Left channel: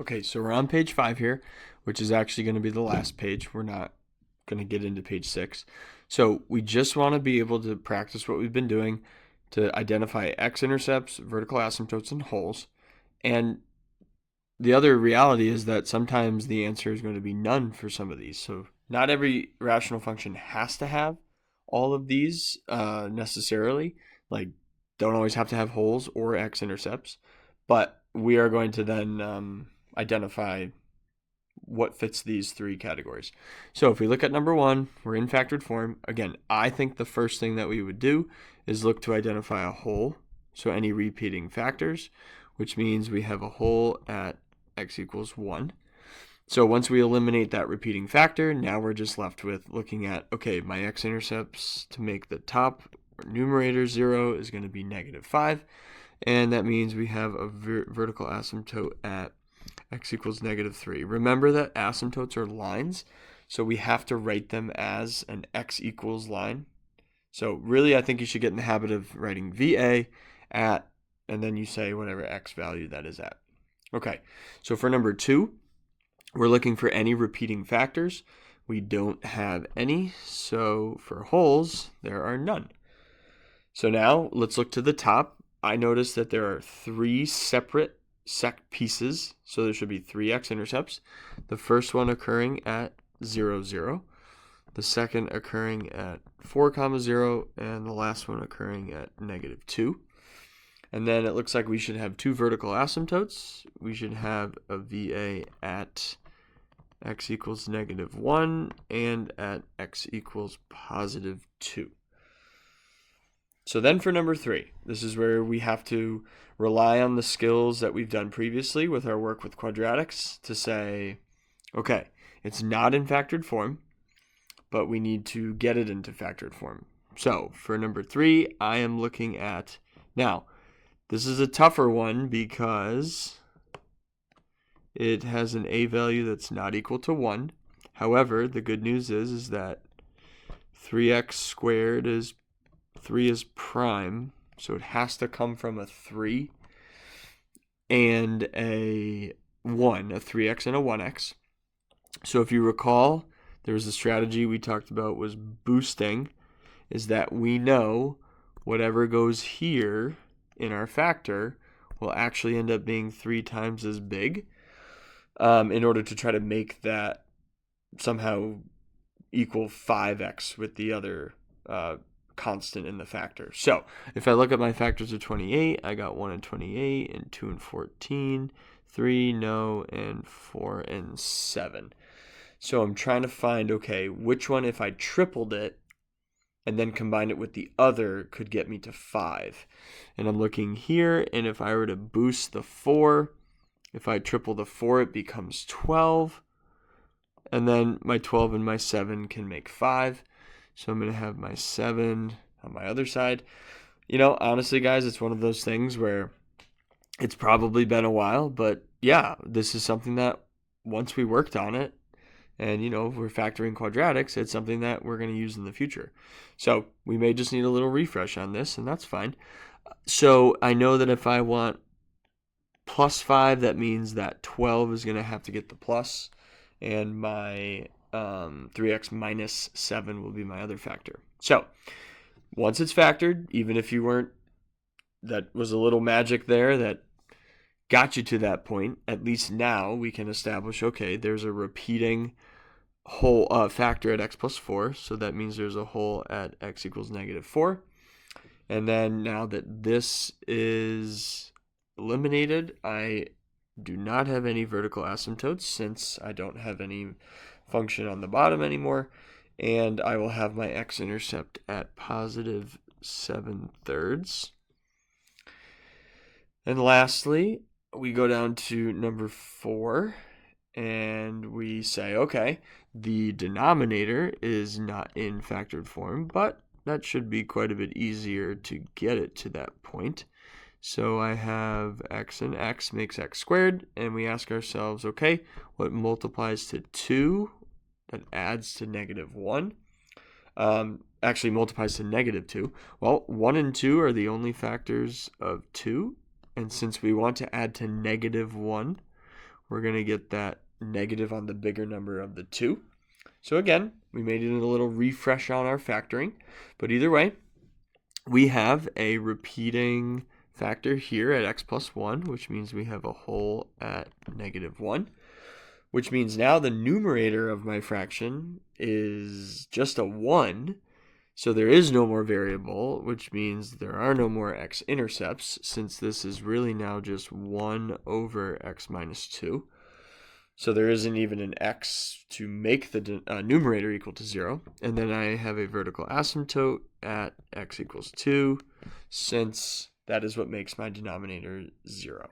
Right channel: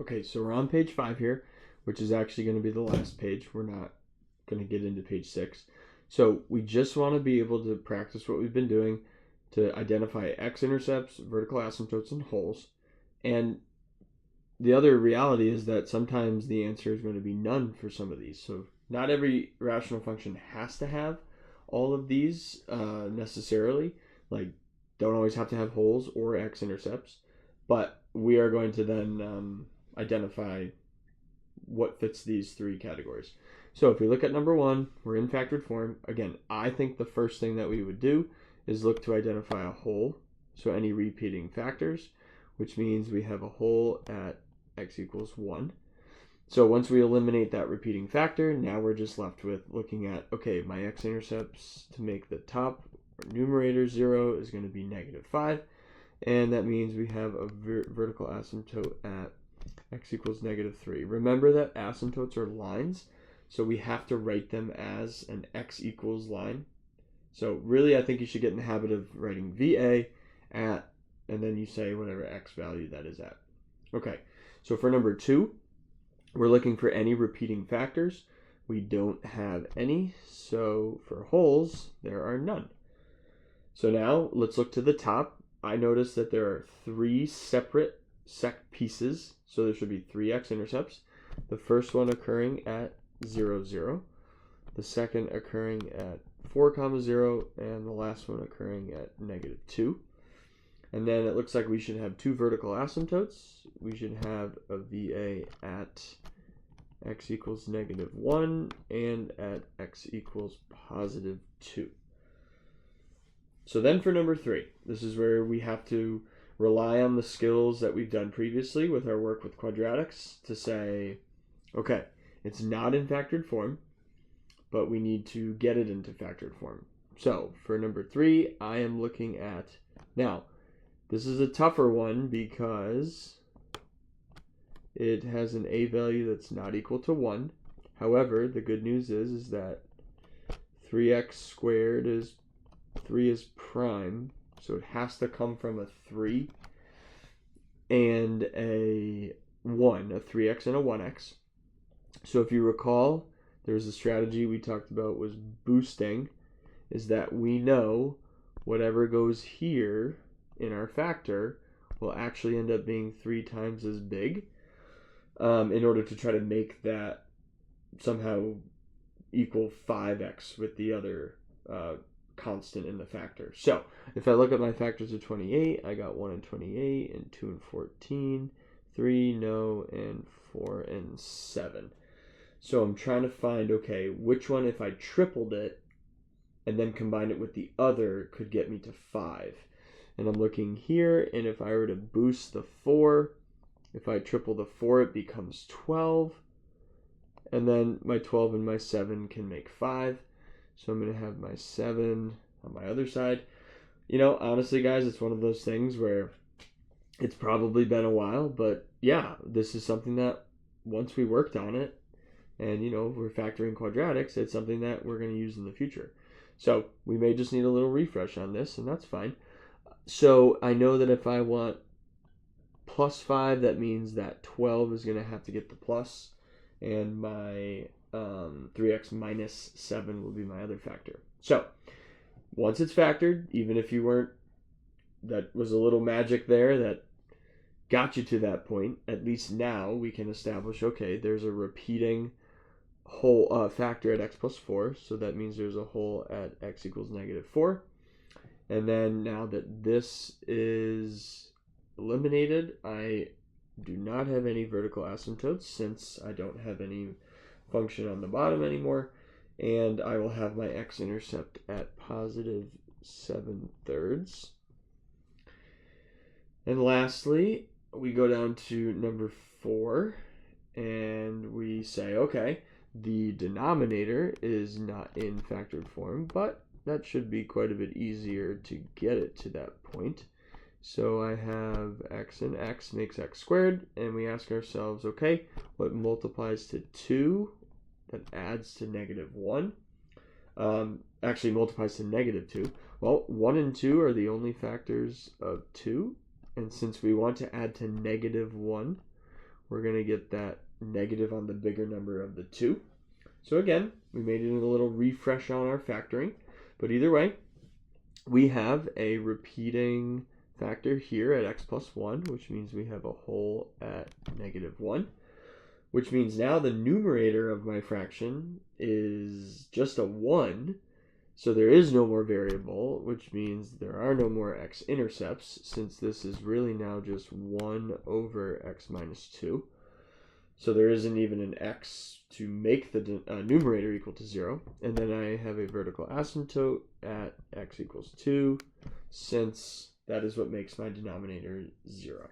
Okay, so we're on page 5 here, which is actually going to be the last page. We're not going to get into page 6. So we just want to be able to practice what we've been doing to identify x-intercepts, vertical asymptotes, and holes. And the other reality is that sometimes the answer is going to be none for some of these. So not every rational function has to have all of these necessarily. Like, don't always have to have holes or x-intercepts. But we are going to then identify what fits these three categories. So if we look at number 1, we're in factored form. Again, I think the first thing that we would do is look to identify a hole. So any repeating factors, which means we have a hole at x equals 1. So once we eliminate that repeating factor, now we're just left with looking at, okay, my x-intercepts to make the top numerator 0 is going to be -5. And that means we have a vertical asymptote at x equals -3. Remember that asymptotes are lines, so we have to write them as an x equals line. So really, I think you should get in the habit of writing VA at, and then you say whatever x value that is at. Okay, so for number 2, we're looking for any repeating factors. We don't have any, so for holes, there are none. So now let's look to the top. I noticed that there are 3 separate sec pieces, so there should be 3 x-intercepts. The first one occurring at 0, 0. The second occurring at 4, 0, and the last one occurring at -2. And then it looks like we should have 2 vertical asymptotes. We should have a VA at x equals -1 and at x equals +2. So then for number 3, this is where we have to rely on the skills that we've done previously with our work with quadratics to say, okay, it's not in factored form, but we need to get it into factored form. So for number 3, I am looking at, now, this is a tougher one because it has an a value that's not equal to 1. However, the good news is that 3x squared is 3 is prime, so it has to come from a 3 and a 1, a 3x and a 1x. So if you recall, there was a strategy we talked about was boosting, is that we know whatever goes here in our factor will actually end up being 3 times as big in order to try to make that somehow equal 5x with the other constant in the factor. So if I look at my factors of 28, I got 1 and 28 and 2 and 14, 3, no, and 4 and 7. So I'm trying to find, okay, which one, if I tripled it and then combined it with the other, could get me to 5. And I'm looking here, and if I were to boost the 4, if I triple the 4, it becomes 12. And then my 12 and my 7 can make 5. So I'm going to have my 7 on my other side. You know, honestly, guys, it's one of those things where it's probably been a while, but yeah, this is something that once we worked on it, and, you know, if we're factoring quadratics, it's something that we're going to use in the future. So we may just need a little refresh on this, and that's fine. So I know that if I want plus 5, that means that 12 is going to have to get the plus, and my 3x minus 7 will be my other factor. So once it's factored, even if you weren't, that was a little magic there that got you to that point, at least now we can establish, okay, there's a repeating whole factor at x plus 4, so that means there's a hole at x equals -4. And then now that this is eliminated, I do not have any vertical asymptotes since I don't have any function on the bottom anymore, and I will have my x-intercept at +7/3. And lastly, we go down to number 4, and we say, okay, the denominator is not in factored form, but that should be quite a bit easier to get it to that point. So I have x and x makes x squared, and we ask ourselves, okay, what multiplies to 2 that adds to -1? Actually multiplies to -2. Well, 1 and 2 are the only factors of 2, and since we want to add to -1, we're going to get that negative on the bigger number of the 2. So again, we made it a little refresh on our factoring. But either way, we have a repeating factor here at x plus 1, which means we have a whole at negative 1, which means now the numerator of my fraction is just a 1. So there is no more variable, which means there are no more x-intercepts, since this is really now just 1 over x minus 2. So there isn't even an x to make the numerator equal to 0. And then I have a vertical asymptote at x equals 2, since that is what makes my denominator 0.